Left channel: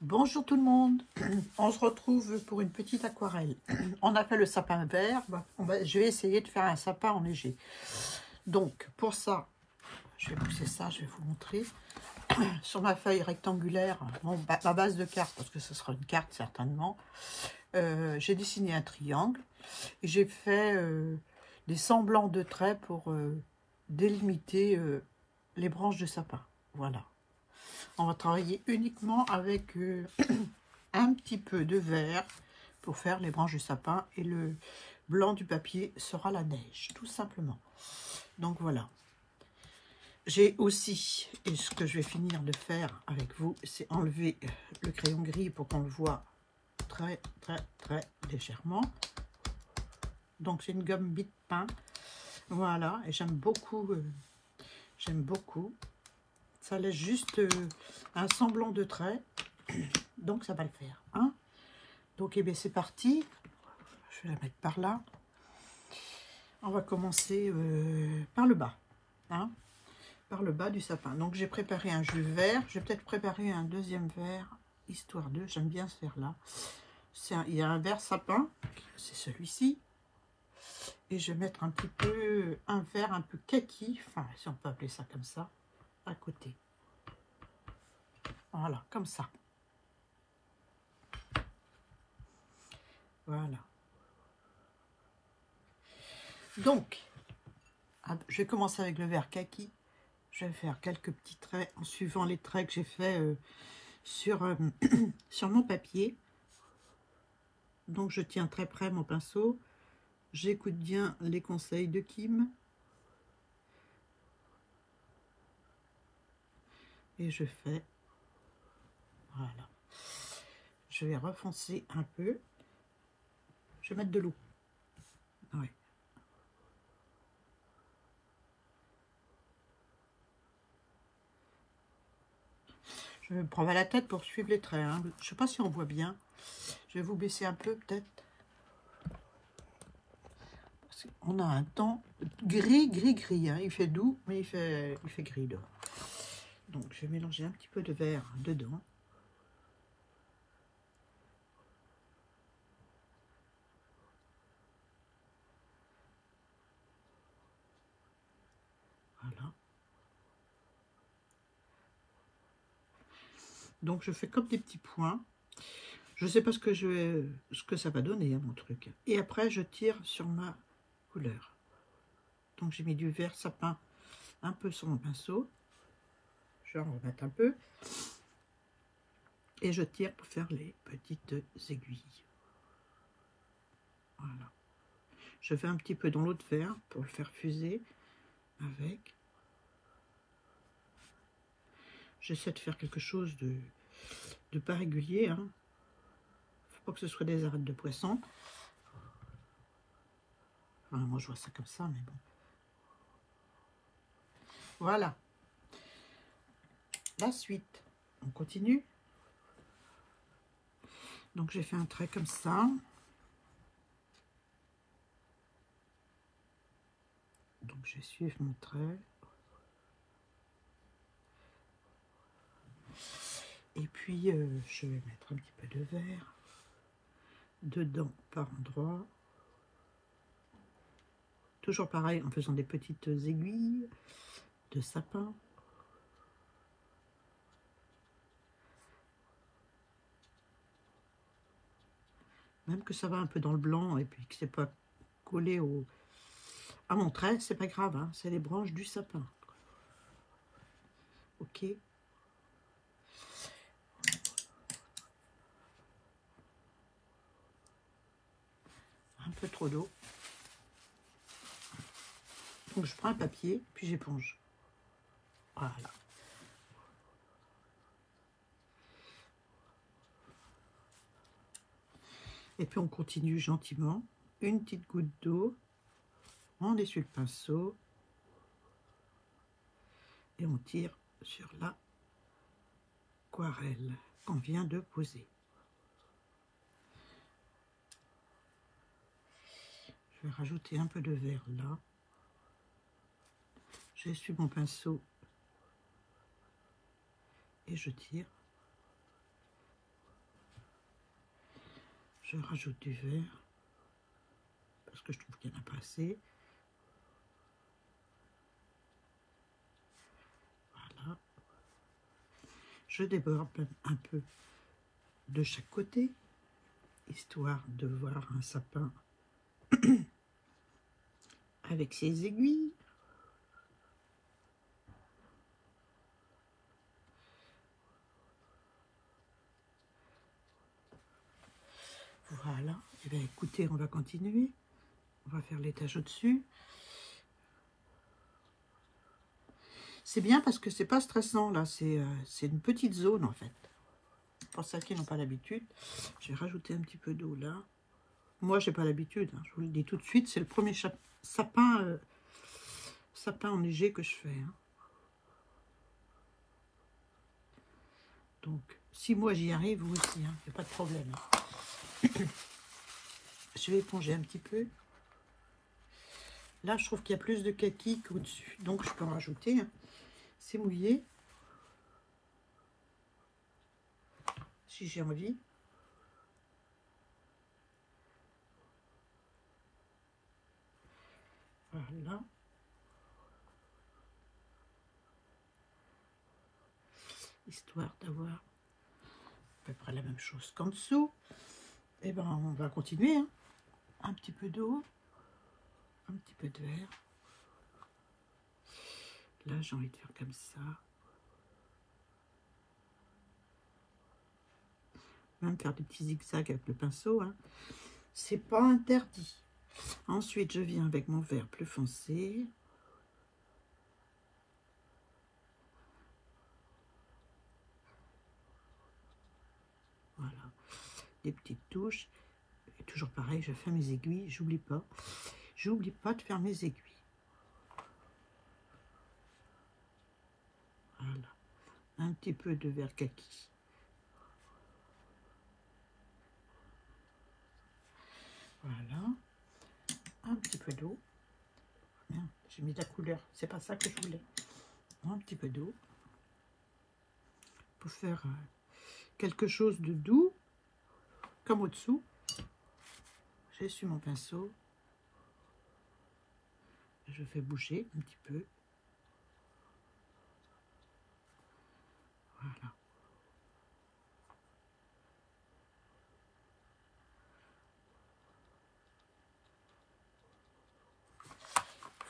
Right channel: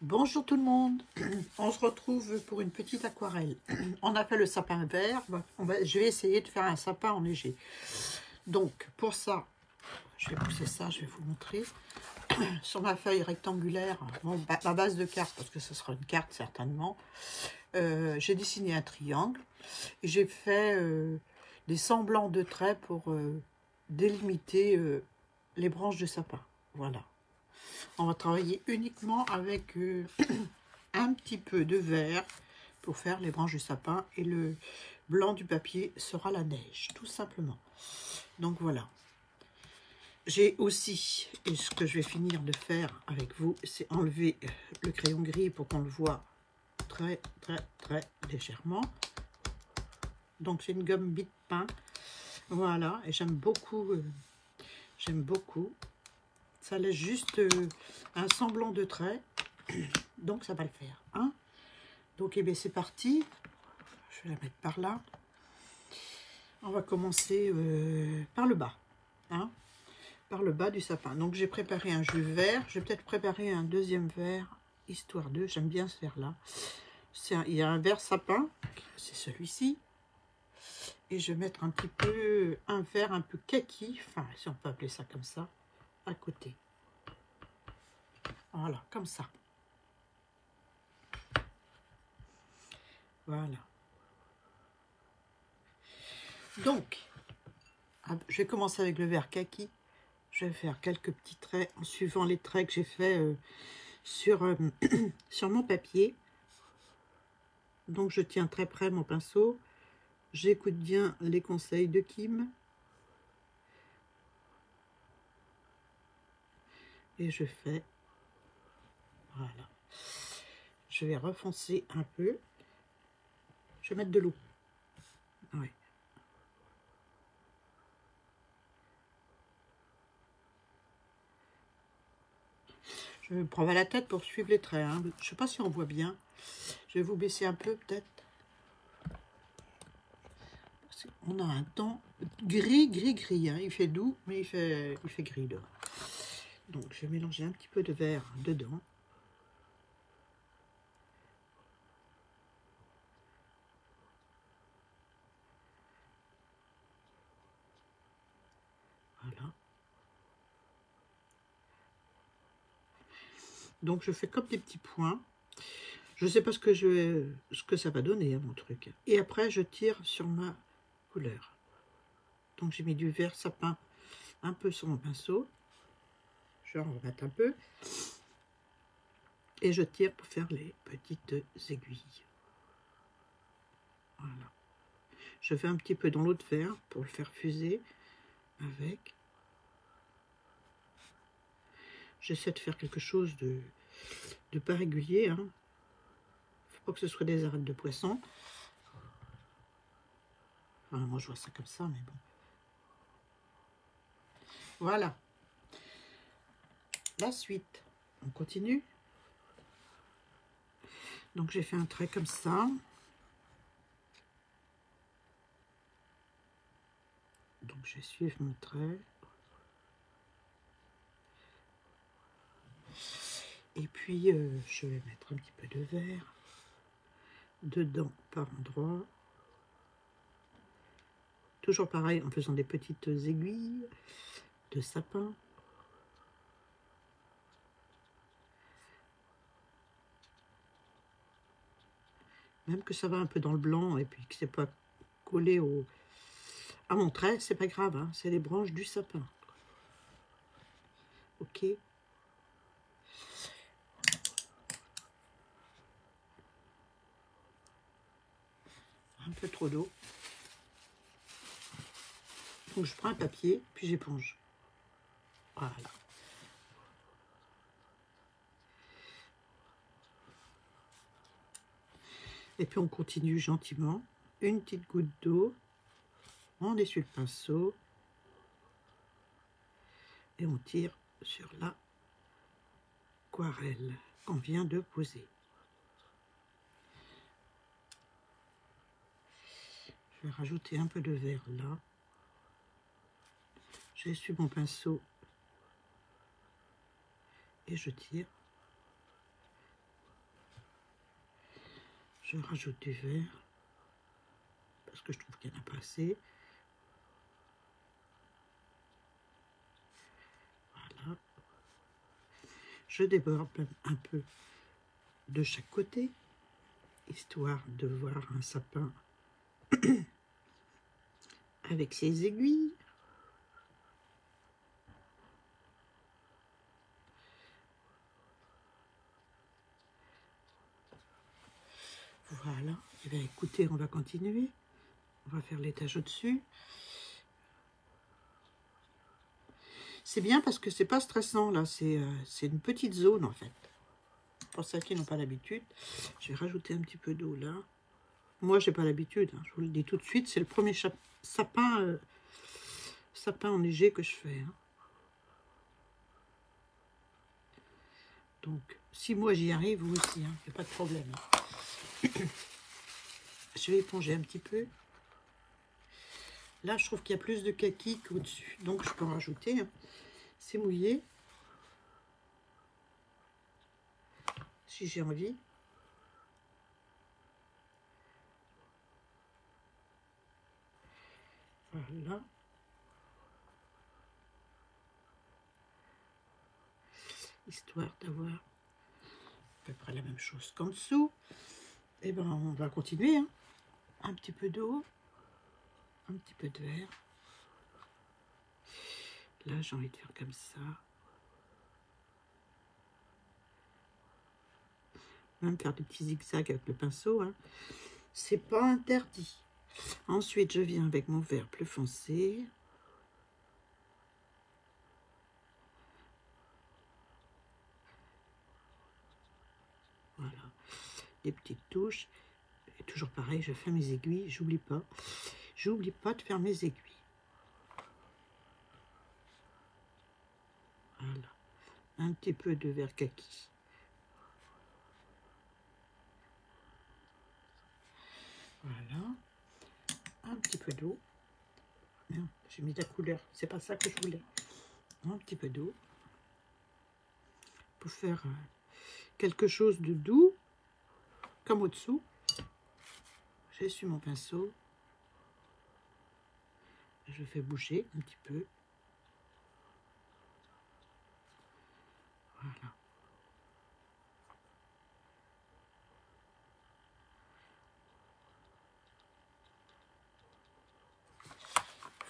Bonjour tout le monde, on se retrouve pour une petite aquarelle. On a fait le sapin vert, je vais essayer de faire un sapin enneigé. Donc pour ça, je vais pousser ça, je vais vous montrer. Sur ma feuille rectangulaire, bon, ma base de carte, parce que ce sera une carte certainement, j'ai dessiné un triangle et j'ai fait des semblants de traits pour délimiter les branches de sapin. Voilà. On va travailler uniquement avec un petit peu de vert pour faire les branches du sapin et le blanc du papier sera la neige, tout simplement. Donc voilà. J'ai aussi, et ce que je vais finir de faire avec vous, c'est enlever le crayon gris pour qu'on le voit très légèrement. Donc c'est une gomme Bic peint. Voilà, et j'aime beaucoup. Ça laisse juste un semblant de trait, donc ça va le faire. Hein, donc eh bien c'est parti. Je vais la mettre par là. On va commencer par le bas. Hein, par le bas du sapin. Donc j'ai préparé un jus vert. Je vais peut-être préparer un deuxième vert, histoire de. J'aime bien ce vert-là. Il y a un vert sapin, c'est celui-ci. Et je vais mettre un petit peu, un vert un peu kaki, enfin si on peut appeler ça comme ça, à côté. Voilà, comme ça. Voilà. Donc, je vais commencer avec le vert kaki. Je vais faire quelques petits traits en suivant les traits que j'ai fait sur mon papier. Donc, je tiens très près mon pinceau. J'écoute bien les conseils de Kim. Et je fais, voilà. Je vais refoncer un peu. Je vais mettre de l'eau. Oui. Je me prends à la tête pour suivre les traits. Hein. Je ne sais pas si on voit bien. Je vais vous baisser un peu peut-être. On a un temps gris. Hein. Il fait doux, mais il fait gris dehors. Donc je vais mélanger un petit peu de vert dedans. Voilà. Donc je fais comme des petits points. Je ne sais pas ce que ça va donner à mon truc. Et après je tire sur ma couleur. Donc j'ai mis du vert sapin un peu sur mon pinceau. Je vais en remettre un peu. Et je tire pour faire les petites aiguilles. Voilà. Je fais un petit peu dans l'autre vert pour le faire fuser avec. J'essaie de faire quelque chose de pas régulier. Hein. Faut pas que ce soit des arêtes de poisson. Enfin, moi je vois ça comme ça, mais bon. Voilà. La suite. On continue. Donc j'ai fait un trait comme ça. Donc je vais suivre mon trait. Et puis je vais mettre un petit peu de vert dedans par endroit. Toujours pareil en faisant des petites aiguilles de sapin. Même que ça va un peu dans le blanc et puis que c'est pas collé à mon trait, c'est pas grave, hein, c'est les branches du sapin. Ok. Un peu trop d'eau. Donc je prends un papier, puis j'éponge. Voilà. Et puis on continue gentiment. Une petite goutte d'eau. On essuie le pinceau. Et on tire sur la aquarelle qu'on vient de poser. Je vais rajouter un peu de vert là. J'essuie mon pinceau et je tire Je rajoute du vert parce que je trouve qu'il n'y en a pas assez. Voilà. Je déborde un peu de chaque côté, histoire de voir un sapin avec ses aiguilles. Voilà. Et bien, écoutez, on va continuer. On va faire l'étage au-dessus. C'est bien parce que c'est pas stressant là, c'est une petite zone en fait. Pour ceux qui n'ont pas l'habitude, j'ai rajouté un petit peu d'eau là. Moi j'ai pas l'habitude, hein, je vous le dis tout de suite, c'est le premier sapin, sapin enneigé que je fais. Hein. Donc si moi j'y arrive, vous aussi, il n'y a pas de problème. Je vais éponger un petit peu. Là je trouve qu'il y a plus de kaki qu'au-dessus, donc je peux en rajouter. Hein. C'est mouillé. Si j'ai envie. Voilà. Histoire d'avoir à peu près la même chose qu'en dessous. Et ben on va continuer. Hein. Un petit peu d'eau. Un petit peu de vert. Là j'ai envie de faire comme ça. Même faire des petits zigzags avec le pinceau. Hein. C'est pas interdit. Ensuite je viens avec mon vert plus foncé. Voilà, des petites touches. Et toujours pareil, je fais mes aiguilles, j'oublie pas de faire mes aiguilles. Voilà, un petit peu de vert kaki. Voilà, un petit peu d'eau. J'ai mis de la couleur, c'est pas ça que je voulais. Un petit peu d'eau pour faire quelque chose de doux, comme au-dessous. J'essuie mon pinceau. Je fais bouger un petit peu. Voilà.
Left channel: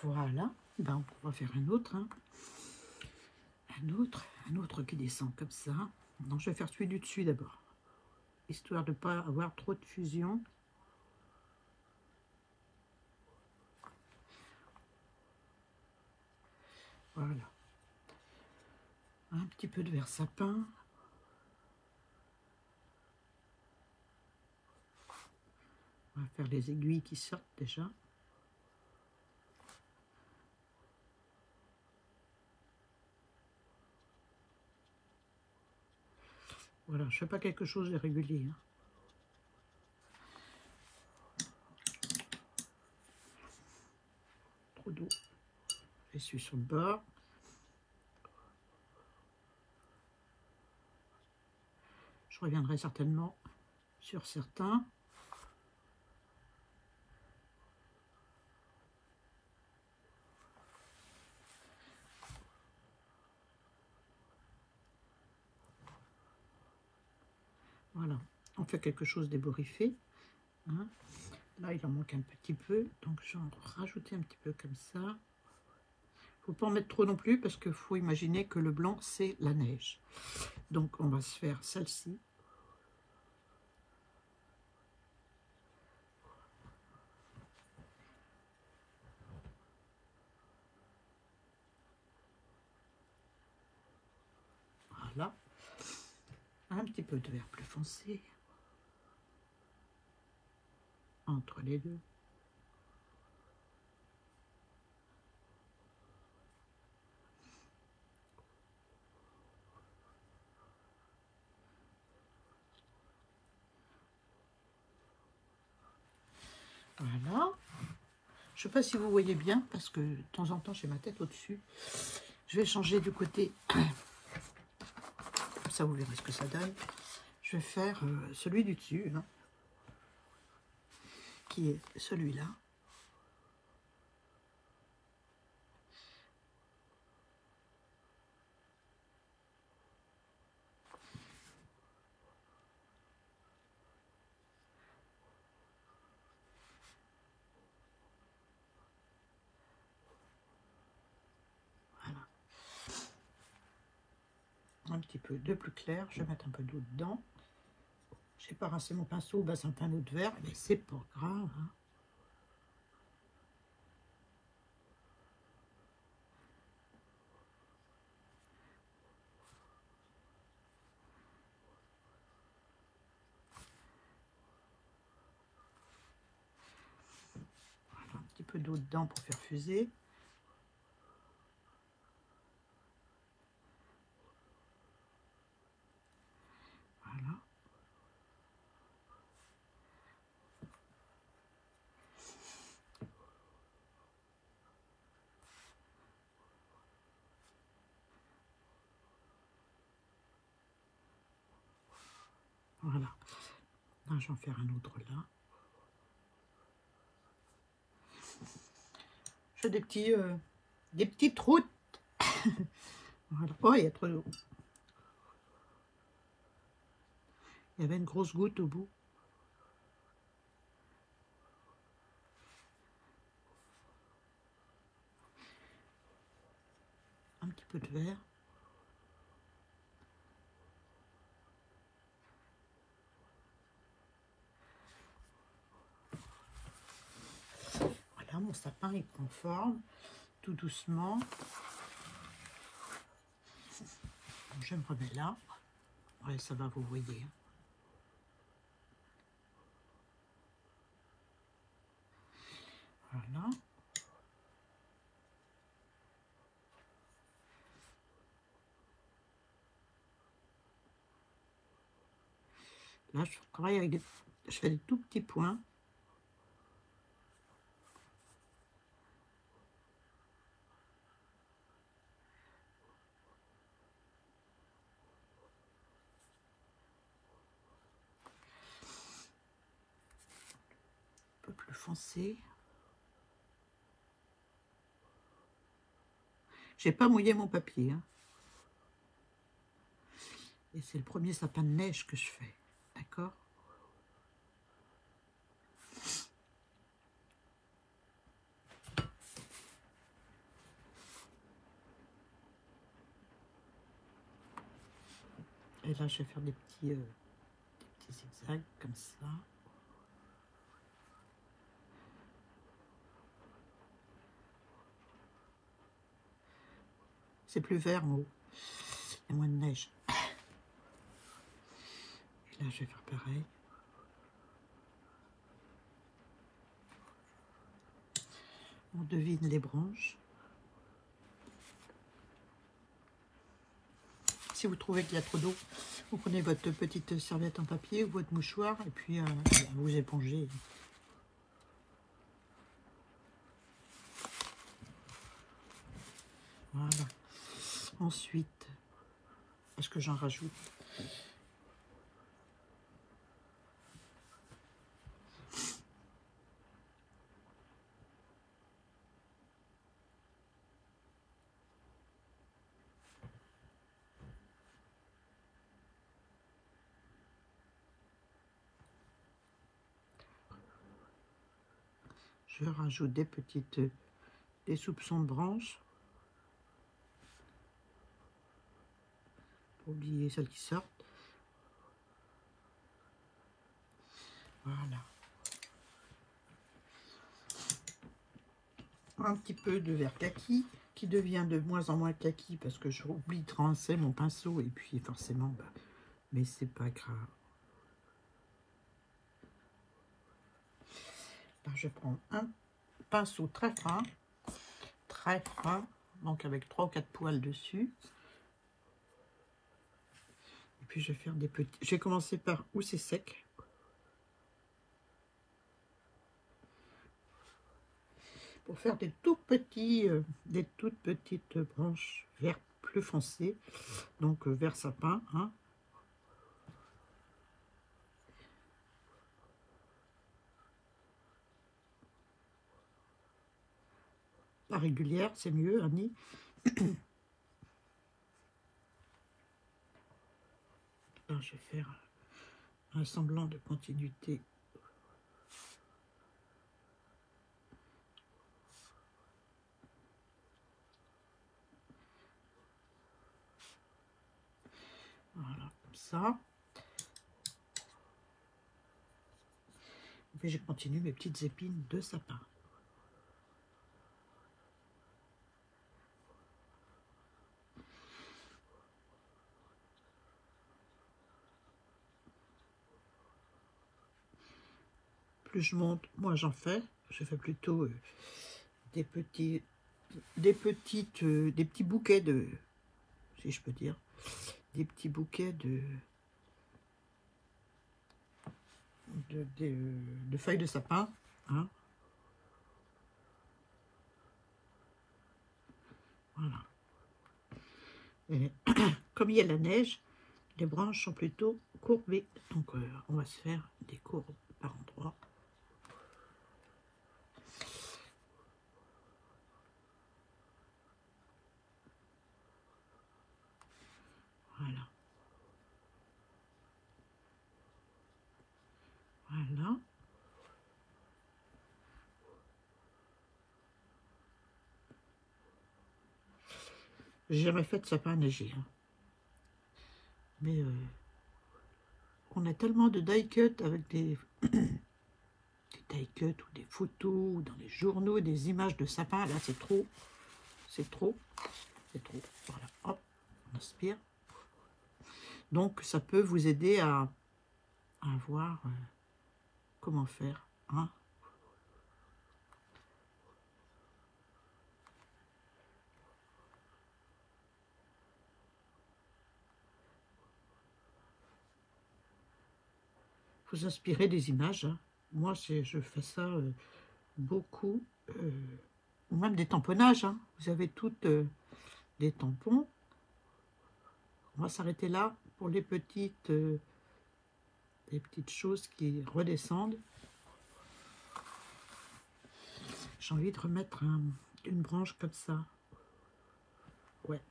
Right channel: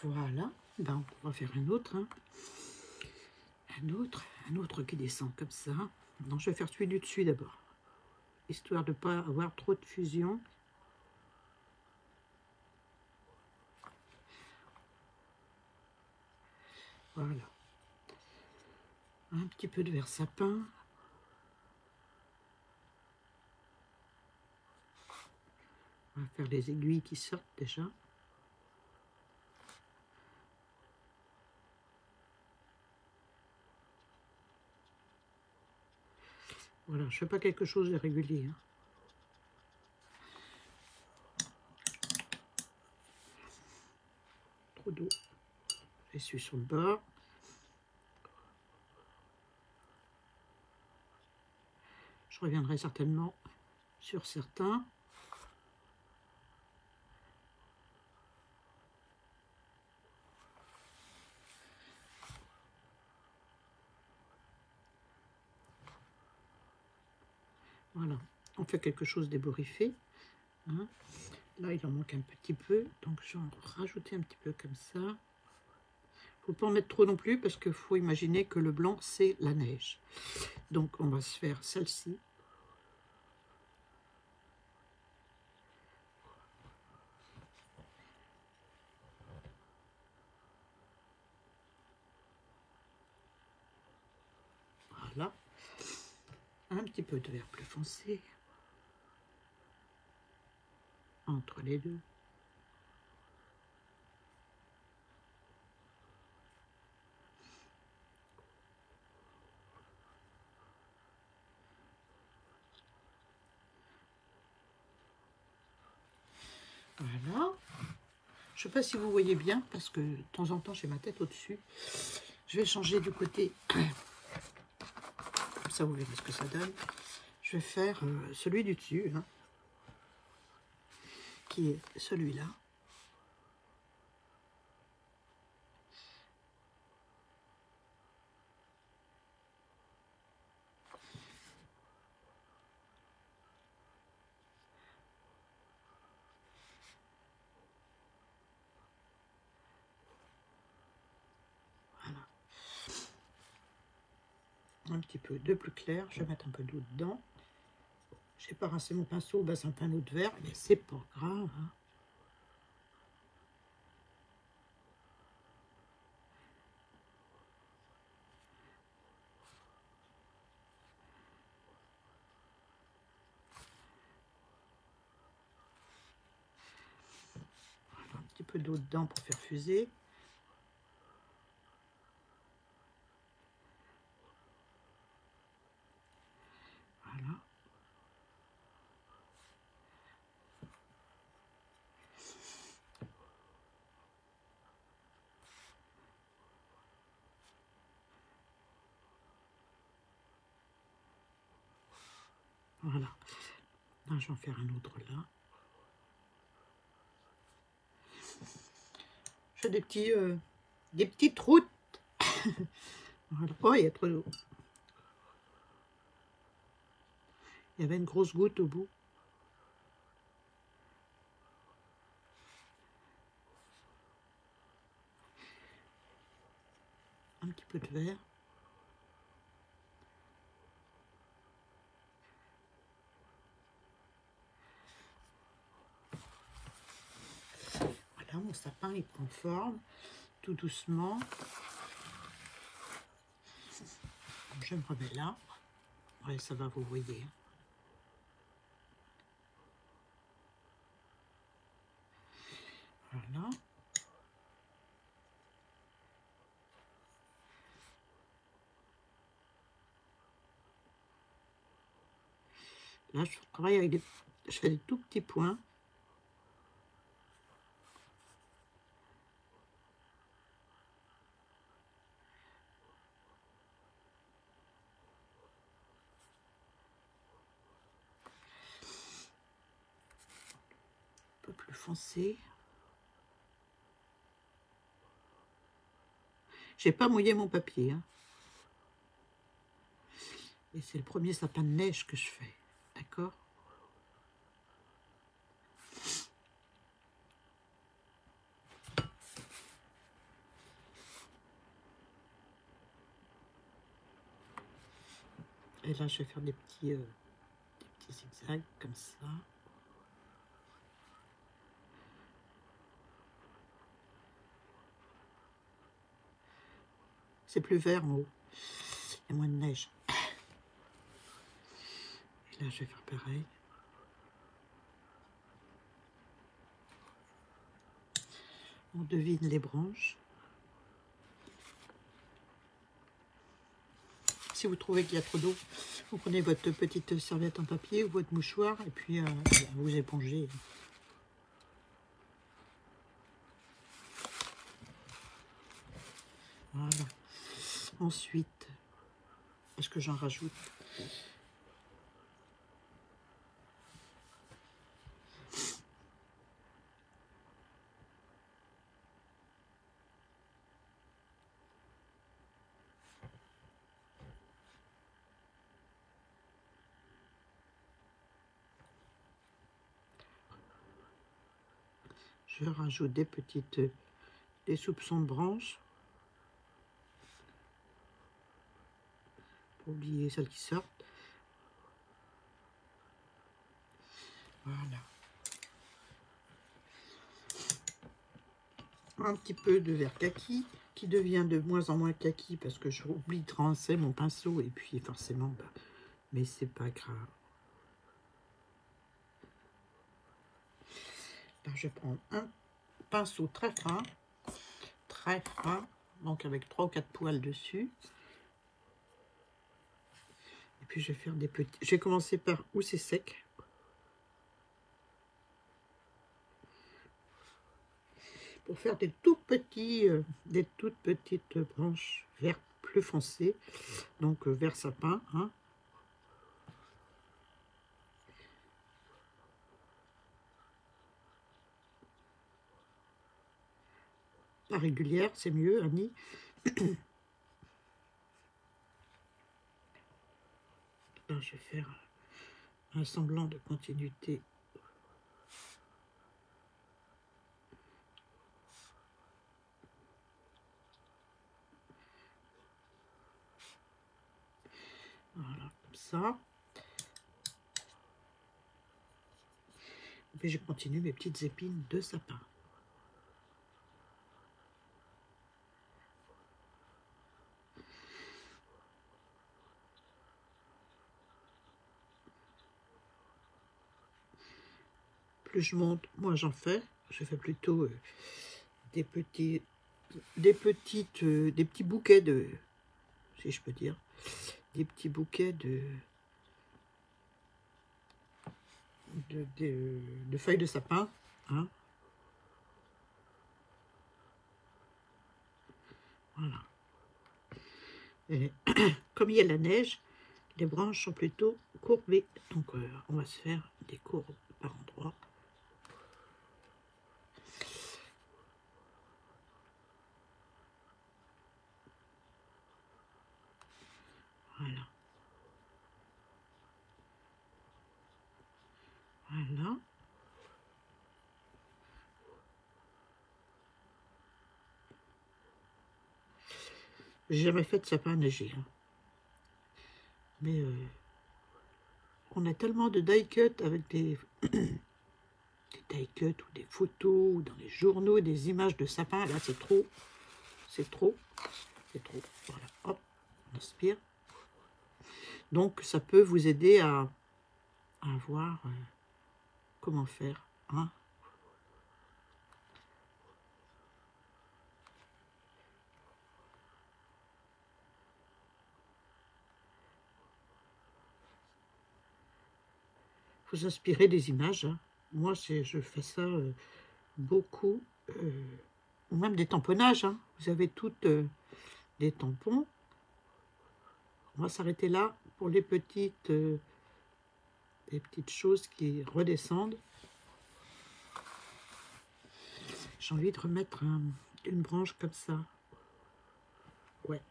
Voilà. Ben, on va faire un autre. Hein. Un autre qui descend comme ça. Non, je vais faire celui du dessus d'abord. Histoire de ne pas avoir trop de fusion. Voilà. Un petit peu de vert sapin. On va faire les aiguilles qui sortent déjà. Voilà, je ne fais pas quelque chose de régulier. Hein. Trop d'eau. J'essuie sur le bord. Je reviendrai certainement sur certains. Voilà, on fait quelque chose d'ébouriffé. Hein. Là, il en manque un petit peu, donc je vais en rajouter un petit peu comme ça. Il ne faut pas en mettre trop non plus, parce qu'il faut imaginer que le blanc, c'est la neige. Donc, on va se faire celle-ci. Voilà. Un petit peu de vert plus foncé. Entre les deux. Voilà. Je ne sais pas si vous voyez bien, parce que de temps en temps, j'ai ma tête au-dessus. Je vais changer du côté. Comme ça, vous verrez ce que ça donne. Je vais faire celui du dessus. Hein. qui est celui-là. Voilà. Un petit peu de plus clair. Je vais mettre un peu d'eau dedans. J'ai pas rincé mon pinceau, bah, c'est un panneau de verre, mais c'est pas grave. Hein. Voilà, un petit peu d'eau dedans pour faire fuser. Voilà. Voilà. Là, je vais en faire un autre là. Je fais des petites routes. Voilà. Oh, il y a trop d'eau. Il y avait une grosse goutte au bout. Un petit peu de verre. Voilà, mon sapin il prend forme, tout doucement. Je me remets là. Ouais, ça va, vous voyez. Voilà. Là, je travaille avec des... Je fais des tout petits points. Un peu plus foncé. J'ai pas mouillé mon papier. Hein. Et c'est le premier sapin de neige que je fais. D'accord? Et là, je vais faire des petits zigzags comme ça. C'est plus vert en haut. Il y a moins de neige. Et là, je vais faire pareil. On devine les branches. Si vous trouvez qu'il y a trop d'eau, vous prenez votre petite serviette en papier ou votre mouchoir et puis vous épongez. Voilà. Ensuite, est-ce que j'en rajoute? Je rajoute des soupçons de branches. Pour oublier celles qui sortent. Voilà. Un petit peu de vert kaki qui devient de moins en moins kaki parce que j'oublie de rincer mon pinceau et puis forcément, bah, mais c'est pas grave. Là, je prends un pinceau très fin, donc avec 3 ou 4 poils dessus. Et puis je vais faire des petits. Je vais commencer par où c'est sec. Pour faire des tout petits, des toutes petites branches vert plus foncé, donc vert sapin. Hein. pas régulière, c'est mieux, Annie. Là, je vais faire un semblant de continuité. Voilà, comme ça. Et puis je continue mes petites épines de sapin. Plus je monte, moins j'en fais. Je fais plutôt des petits bouquets de, si je peux dire, des petits bouquets de feuilles de sapin, hein. Voilà. Et comme il y a la neige, les branches sont plutôt courbées. Donc on va se faire des courbes par endroits. Voilà. Voilà. J'ai jamais fait de sapin neigé, hein. Mais on a tellement de die cut avec des die cut ou des photos ou dans les journaux, des images de sapin. Là, c'est trop. C'est trop. C'est trop. Voilà. Hop, on aspire. Donc, ça peut vous aider à voir comment faire, hein. Vous inspirez des images, hein. Moi, je fais ça beaucoup, ou même des tamponnages, hein. Vous avez toutes des tampons. On va s'arrêter là pour les petites choses qui redescendent. J'ai envie de remettre une branche comme ça. Ouais.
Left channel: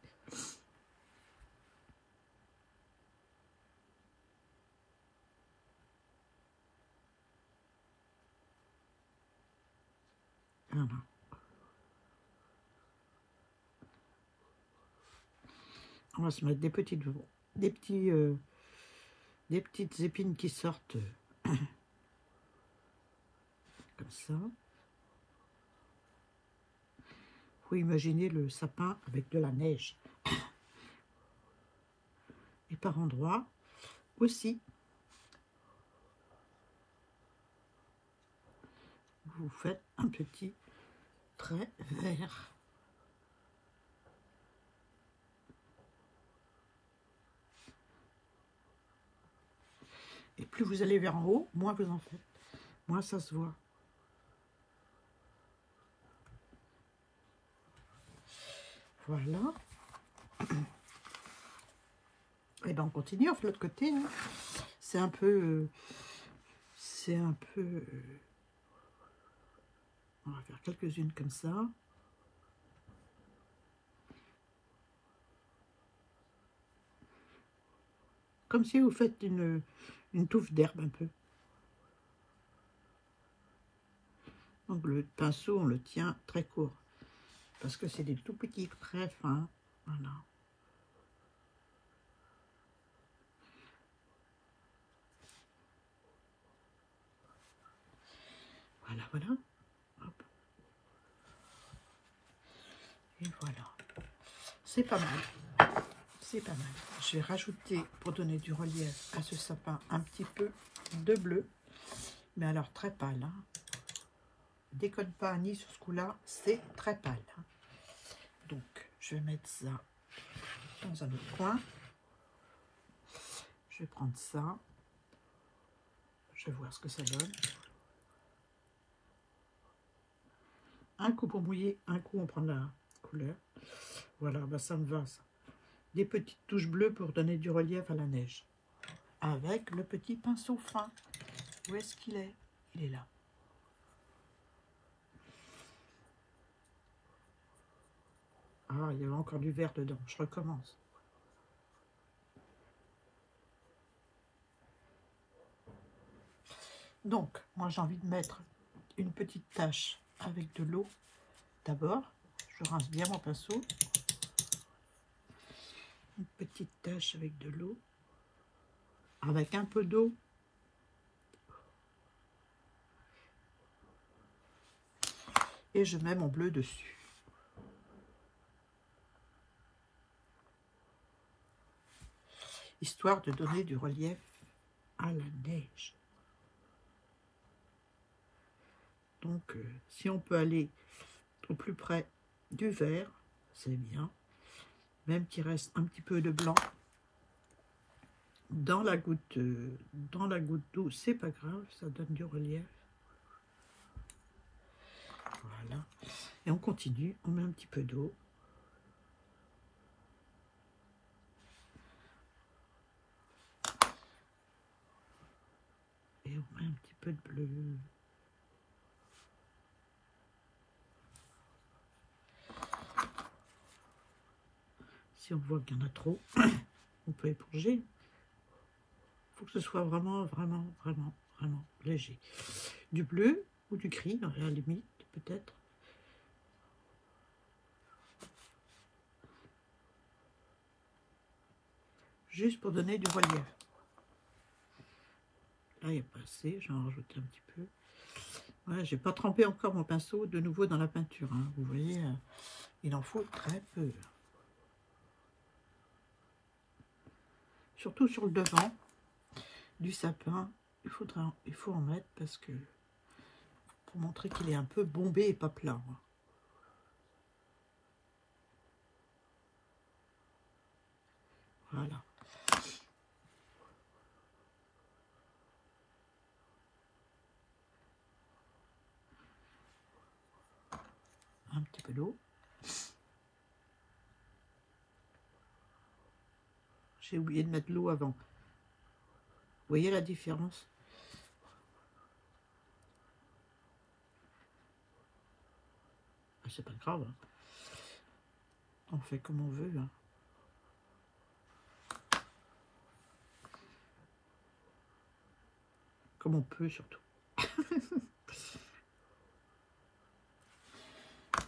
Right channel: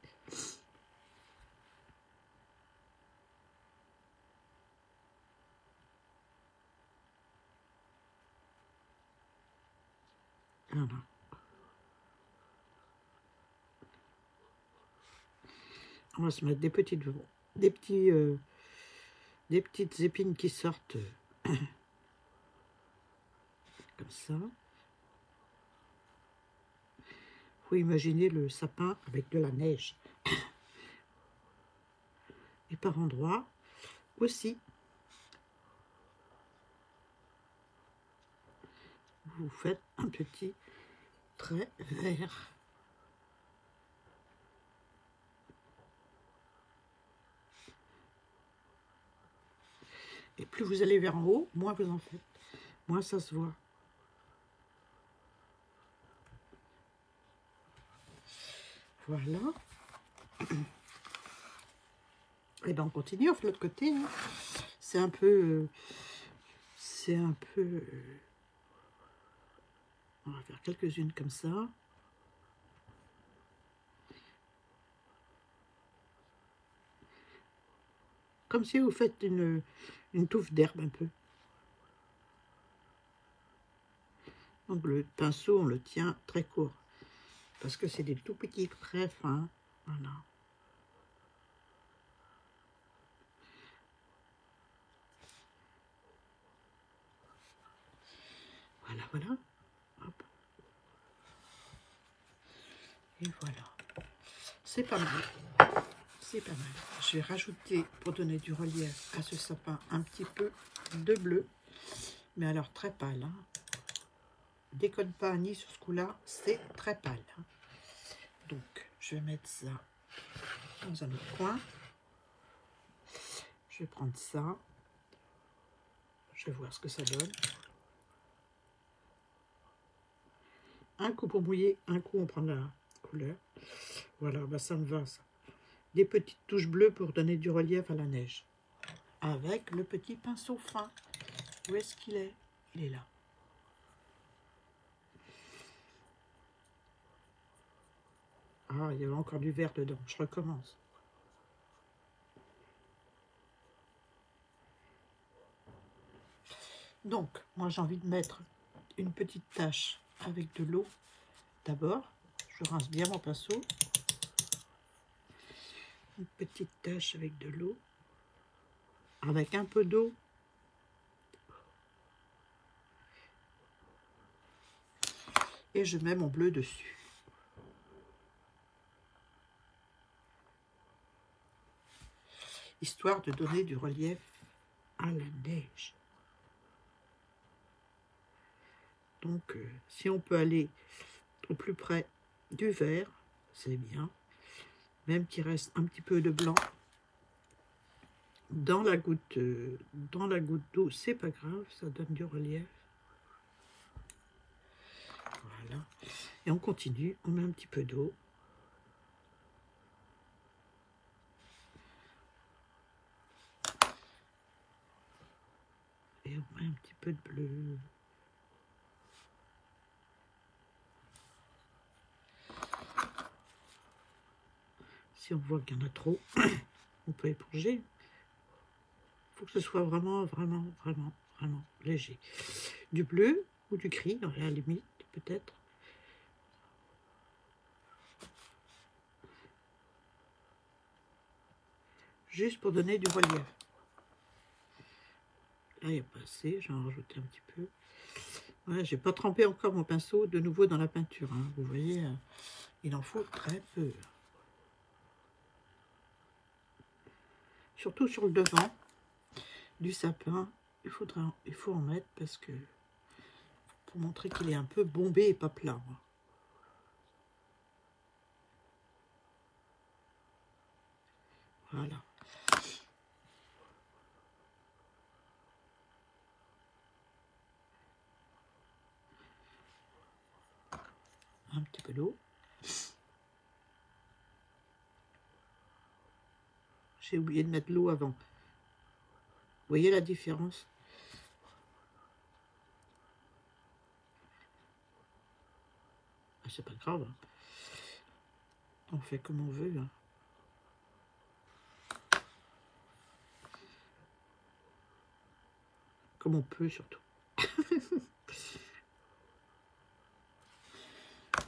Voilà. On va se mettre des petites épines qui sortent comme ça. Faut imaginer le sapin avec de la neige. Et par endroits aussi, vous faites un petit trait vert. Et plus vous allez vers en haut, moins vous en faites. Moins ça se voit. Voilà. Et ben on continue, on fait l'autre côté, hein. C'est un peu... on va faire quelques-unes comme ça. Comme si vous faites une touffe d'herbe un peu. Donc le pinceau, on le tient très court. Parce que c'est des tout petits traits fins. Voilà. Voilà, voilà. Hop. Et voilà. C'est pas mal. C'est pas mal. Je vais rajouter, pour donner du relief à ce sapin, un petit peu de bleu. Mais alors très pâle, hein. Déconne pas ni sur ce coup-là, c'est très pâle, hein. Donc, je vais mettre ça dans un autre coin. Je vais prendre ça. Je vais voir ce que ça donne. Un coup pour mouiller, un coup on prend la couleur. Voilà, bah ça me va, ça. Des petites touches bleues pour donner du relief à la neige. Avec le petit pinceau fin. Où est-ce qu'il est? Il est là. Ah, il y avait encore du vert dedans. Je recommence. Donc, moi, j'ai envie de mettre une petite tache avec de l'eau. D'abord, je rince bien mon pinceau. Une petite tache avec de l'eau. Avec un peu d'eau. Et je mets mon bleu dessus. Histoire de donner du relief à la neige. Donc, si on peut aller au plus près du vert, c'est bien. Même qu'il reste un petit peu de blanc dans la goutte d'eau, c'est pas grave, ça donne du relief. Voilà. Et on continue, on met un petit peu d'eau. Et on met un petit peu de bleu. Si on voit qu'il y en a trop, on peut éponger. Il faut que ce soit vraiment léger. Du bleu ou du gris, à la limite, peut-être. Juste pour donner du relief. Là, il n'y a pas assez, j'en rajoute un petit peu. Voilà, j'ai pas trempé encore mon pinceau de nouveau dans la peinture. Hein. Vous voyez, il en faut très peu. Surtout sur le devant du sapin, il faut en mettre parce que pour montrer qu'il est un peu bombé et pas plat. Voilà. Un petit peu d'eau. J'ai oublié de mettre l'eau avant. Vous voyez la différence? Ah, c'est pas grave. Hein. On fait comme on veut. Hein. Comme on peut surtout.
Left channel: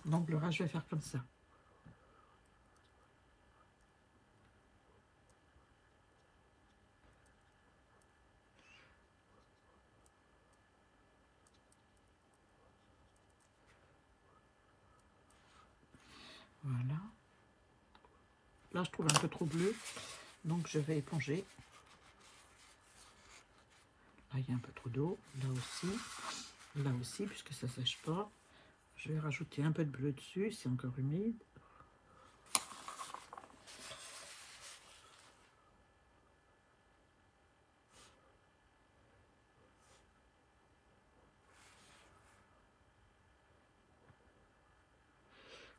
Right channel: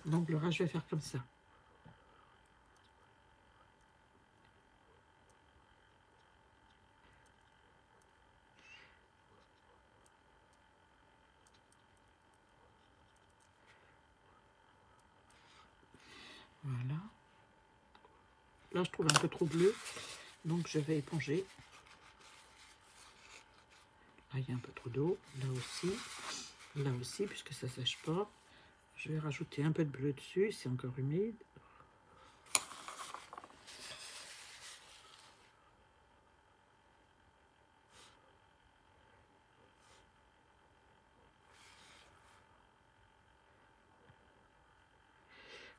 Donc le reste, je vais faire comme ça. Voilà. Là, je trouve un peu trop bleu. Donc je vais éponger. Là, il y a un peu trop d'eau. Là aussi, puisque ça ne sèche pas. Je vais rajouter un peu de bleu dessus, c'est encore humide.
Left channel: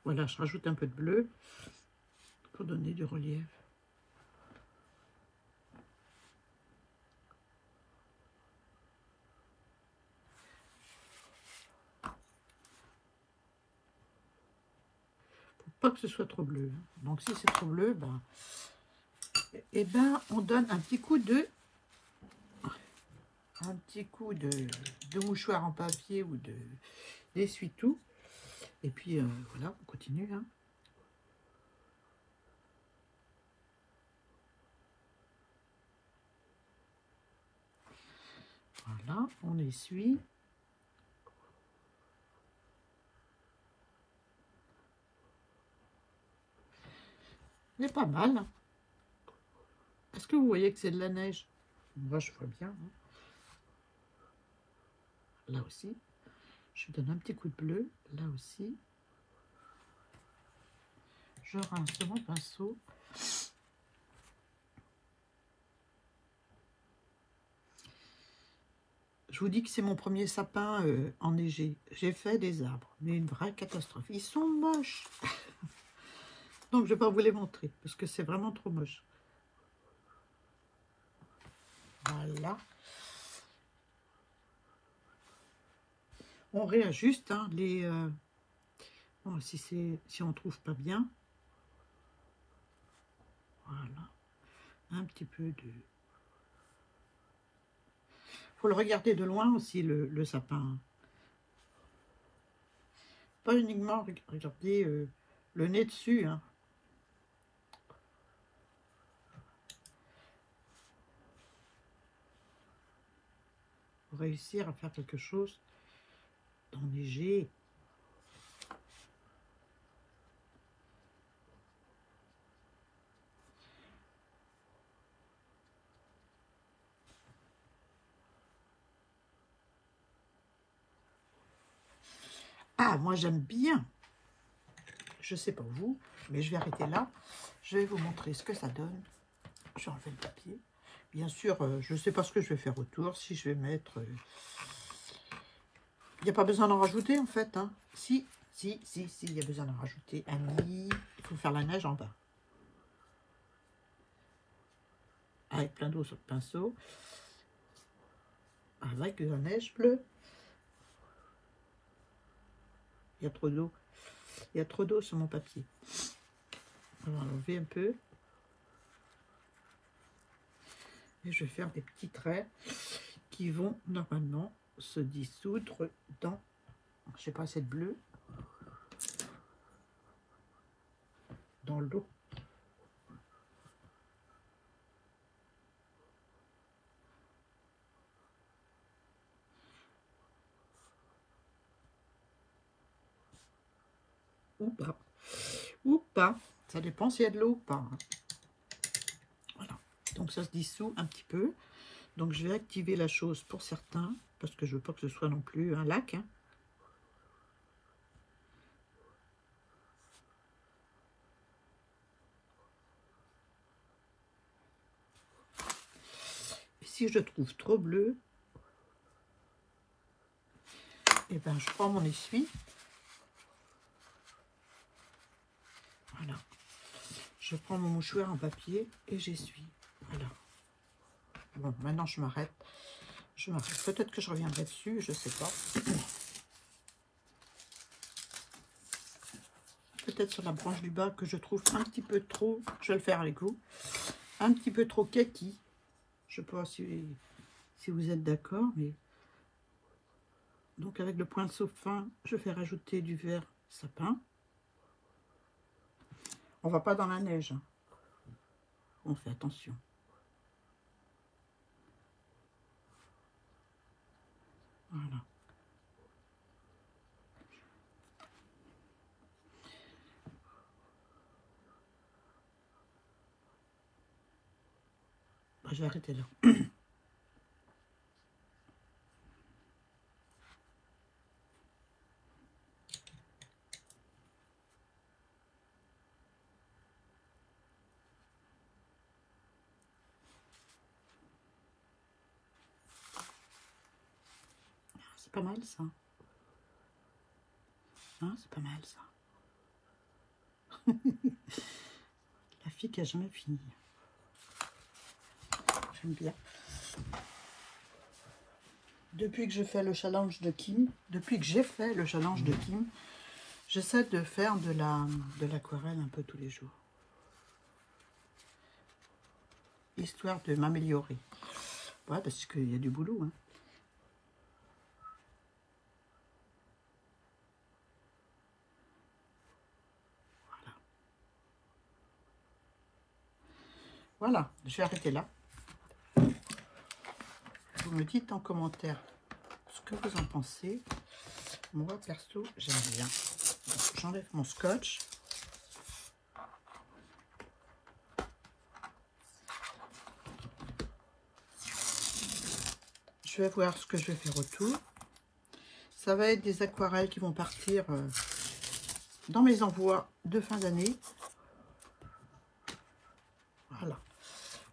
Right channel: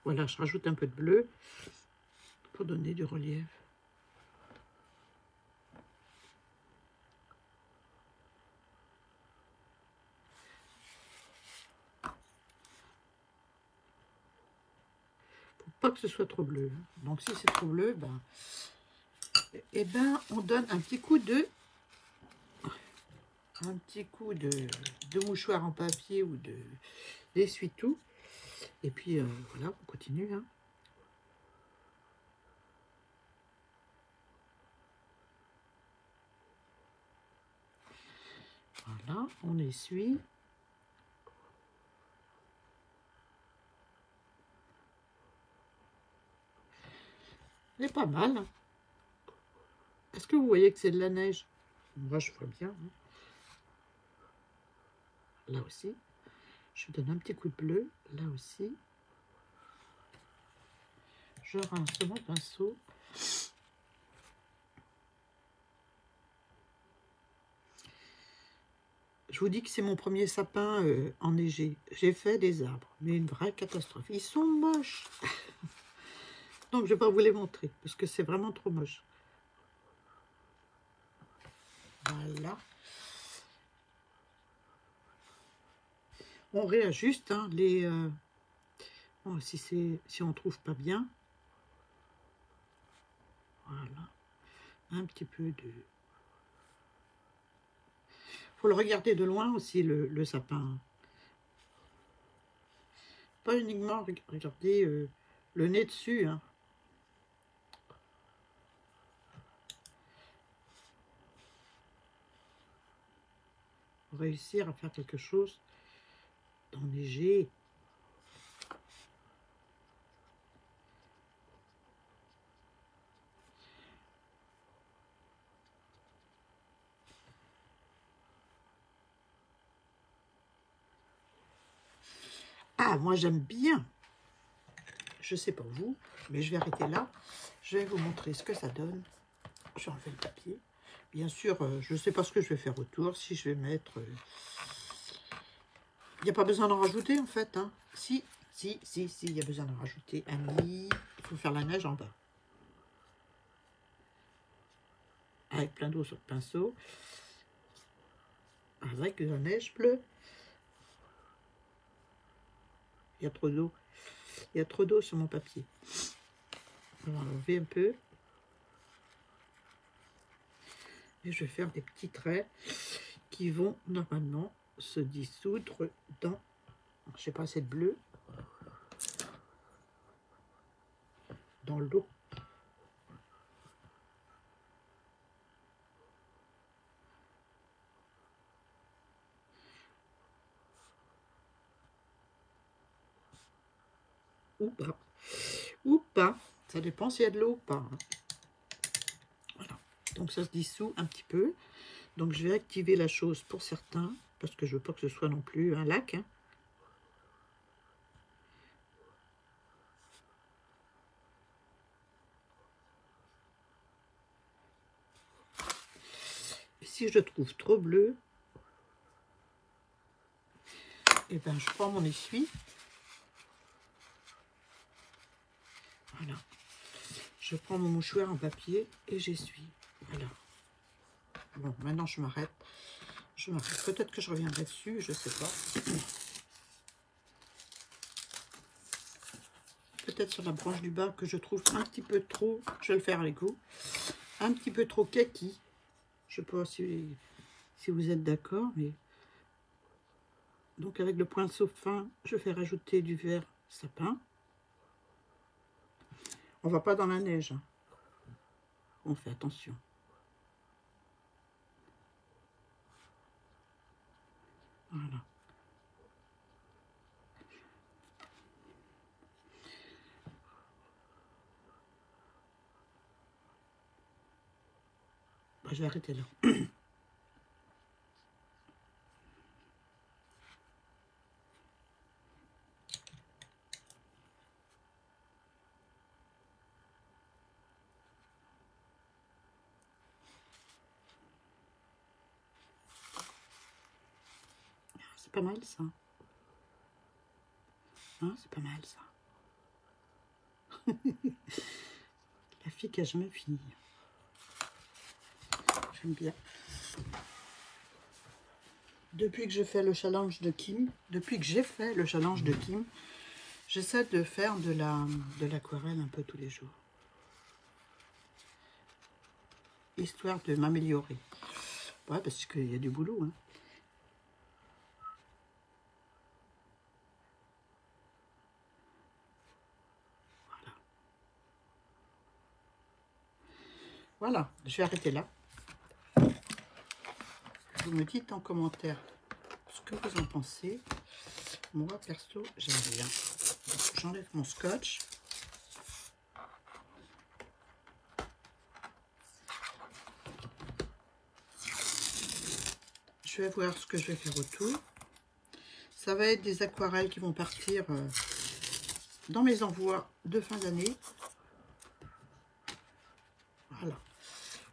Voilà, je rajoute un peu de bleu pour donner du relief. Pour pas que ce soit trop bleu. Donc si c'est trop bleu, on donne un petit coup de mouchoir en papier ou d'essuie-tout. Et puis voilà, on continue. Hein. Voilà, on essuie. C'est pas mal. Est-ce que vous voyez que c'est de la neige? Moi, je vois bien. Hein. Là aussi. Je donne un petit coup de bleu. Là aussi. Je rince mon pinceau. Je vous dis que c'est mon premier sapin enneigé. J'ai fait des arbres, mais une vraie catastrophe. Ils sont moches. Donc, je ne vais pas vous les montrer, parce que c'est vraiment trop moche. Voilà. On réajuste hein, les... bon, si on ne trouve pas bien, Voilà. Un petit peu de... Faut le regarder de loin aussi, le sapin. Pas uniquement regarder le nez dessus. Hein. Pour réussir à faire quelque chose d'enneigé. Ah, moi j'aime bien. Je sais pas vous, mais je vais arrêter là. Je vais vous montrer ce que ça donne. Je vais enlever le papier. Bien sûr, je ne sais pas ce que je vais faire autour. Si je vais mettre... Il n'y a pas besoin d'en rajouter en fait. Hein. Si, il y a besoin d'en rajouter. Il faut faire la neige en bas. Avec plein d'eau sur le pinceau. Avec la neige bleue. Il y a trop d'eau. Il y a trop d'eau sur mon papier. On va enlever un peu. Et je vais faire des petits traits qui vont normalement se dissoudre dans, je sais pas, cette bleue, dans l'eau. Ou pas, ça dépend s'il y a de l'eau ou pas. Hein. Voilà, donc ça se dissout un petit peu. Donc je vais activer la chose pour certains, parce que je veux pas que ce soit non plus un lac. Hein. Si je trouve trop bleu, et ben je prends mon essuie. Voilà. Je prends mon mouchoir en papier et j'essuie. Voilà. Bon, maintenant je m'arrête. Je m'arrête. Peut-être que je reviendrai dessus, je sais pas. Peut-être sur la branche du bas que je trouve un petit peu trop, je vais le faire avec vous, un petit peu trop kaki. Je ne sais pas si vous êtes d'accord, mais... Donc avec le pinceau fin, je fais rajouter du vert sapin. On va pas dans la neige. Hein. On fait attention. Voilà. Bah, je vais arrêter là. C'est pas mal ça. Hein, c'est pas mal ça. La fille qui a jamais fini. J'aime bien. Depuis que j'ai fait le challenge de Kim, j'essaie de faire de l'aquarelle un peu tous les jours. Histoire de m'améliorer. Ouais, parce qu'il y a du boulot. Hein. Voilà, je vais arrêter là. Vous me dites en commentaire ce que vous en pensez. Moi, perso, j'aime bien. J'enlève mon scotch. Je vais voir ce que je vais faire autour. Ça va être des aquarelles qui vont partir dans mes envois de fin d'année. Voilà.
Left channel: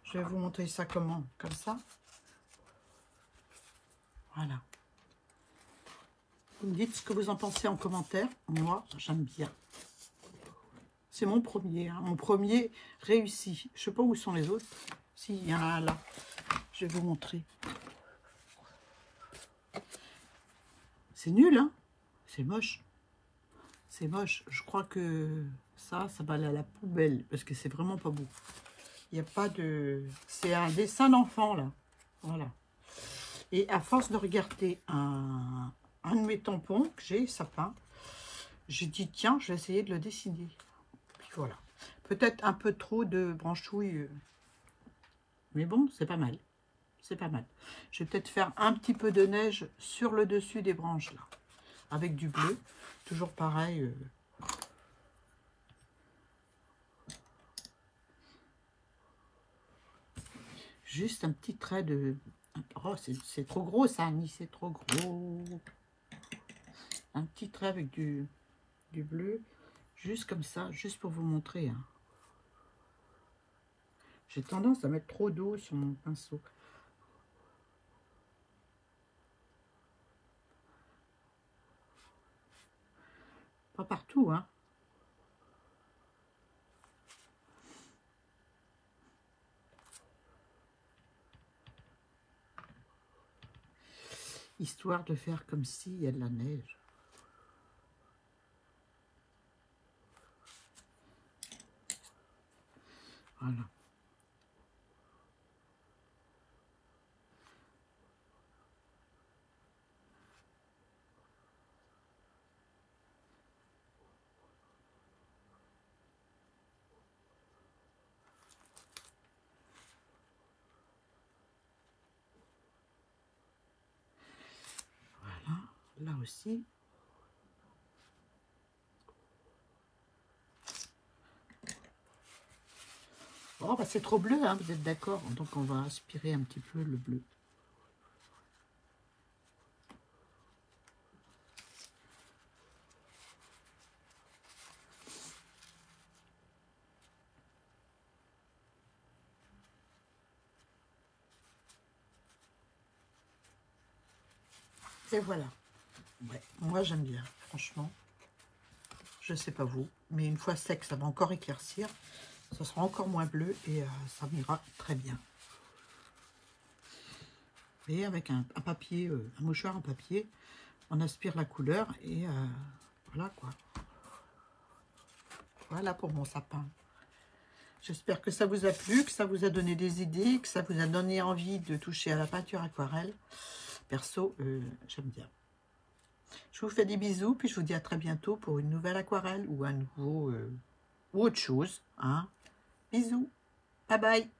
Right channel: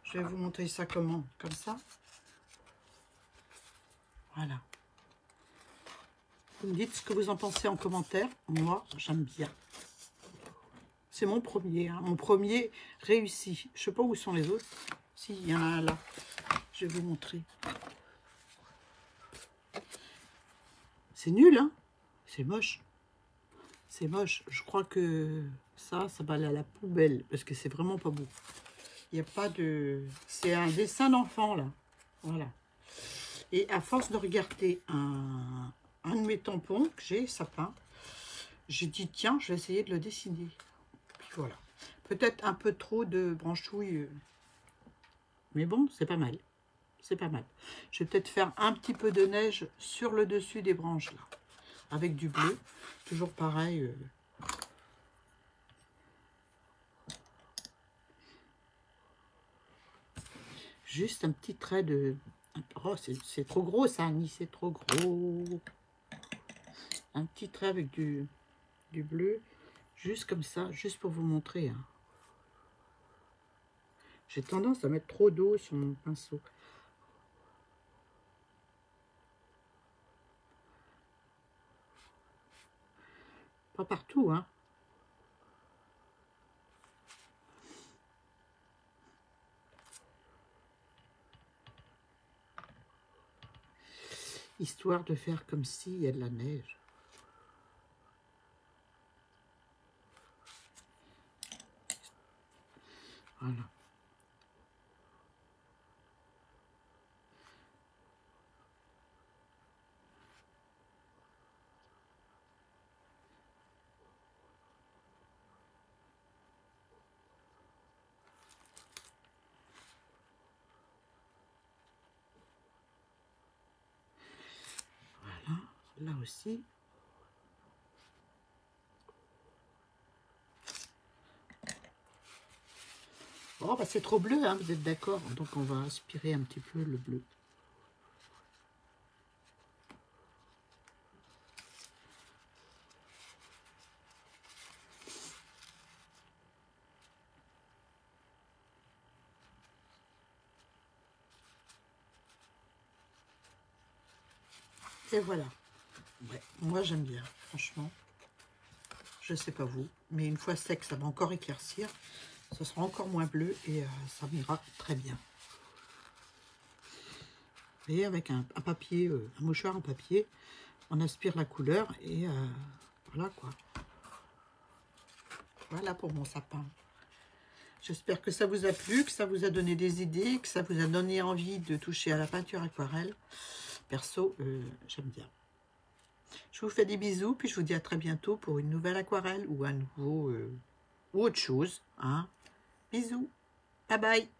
Je vais vous montrer ça comment, comme ça. Voilà. Vous me dites ce que vous en pensez en commentaire. Moi, j'aime bien. C'est mon premier, hein, mon premier réussi. Je ne sais pas où sont les autres. Si, il y en a un là. Je vais vous montrer. C'est nul, hein? C'est moche. C'est moche. Je crois que ça va aller à la poubelle parce que c'est vraiment pas beau. Il n'y a pas de... C'est un dessin d'enfant, là. Voilà. Et à force de regarder un de mes tampons que j'ai, sapin, j'ai dit, tiens, je vais essayer de le dessiner. Puis voilà. Peut-être un peu trop de branchouille. Mais bon, c'est pas mal. C'est pas mal. Je vais peut-être faire un petit peu de neige sur le dessus des branches, là. Avec du bleu. Toujours pareil. Juste un petit trait de... Oh, c'est trop gros, ça, Annie. C'est trop gros. Un petit trait avec du bleu. Juste comme ça. Juste pour vous montrer. Hein. J'ai tendance à mettre trop d'eau sur mon pinceau. Pas partout, hein. Histoire de faire comme s'il y a de la neige. Voilà. Voilà. Là aussi. Oh, bah c'est trop bleu, hein, vous êtes d'accord? Donc, on va aspirer un petit peu le bleu. Et voilà. Ouais, moi, j'aime bien, franchement. Je sais pas vous, mais une fois sec, ça va encore éclaircir. Ce sera encore moins bleu et ça m'ira très bien. Et avec un papier, un mouchoir en papier, on aspire la couleur et voilà quoi. Voilà pour mon sapin. J'espère que ça vous a plu, que ça vous a donné des idées, que ça vous a donné envie de toucher à la peinture aquarelle. Perso, j'aime bien. Je vous fais des bisous, puis je vous dis à très bientôt pour une nouvelle aquarelle ou un nouveau ou autre chose. Hein. Bisous, bye bye.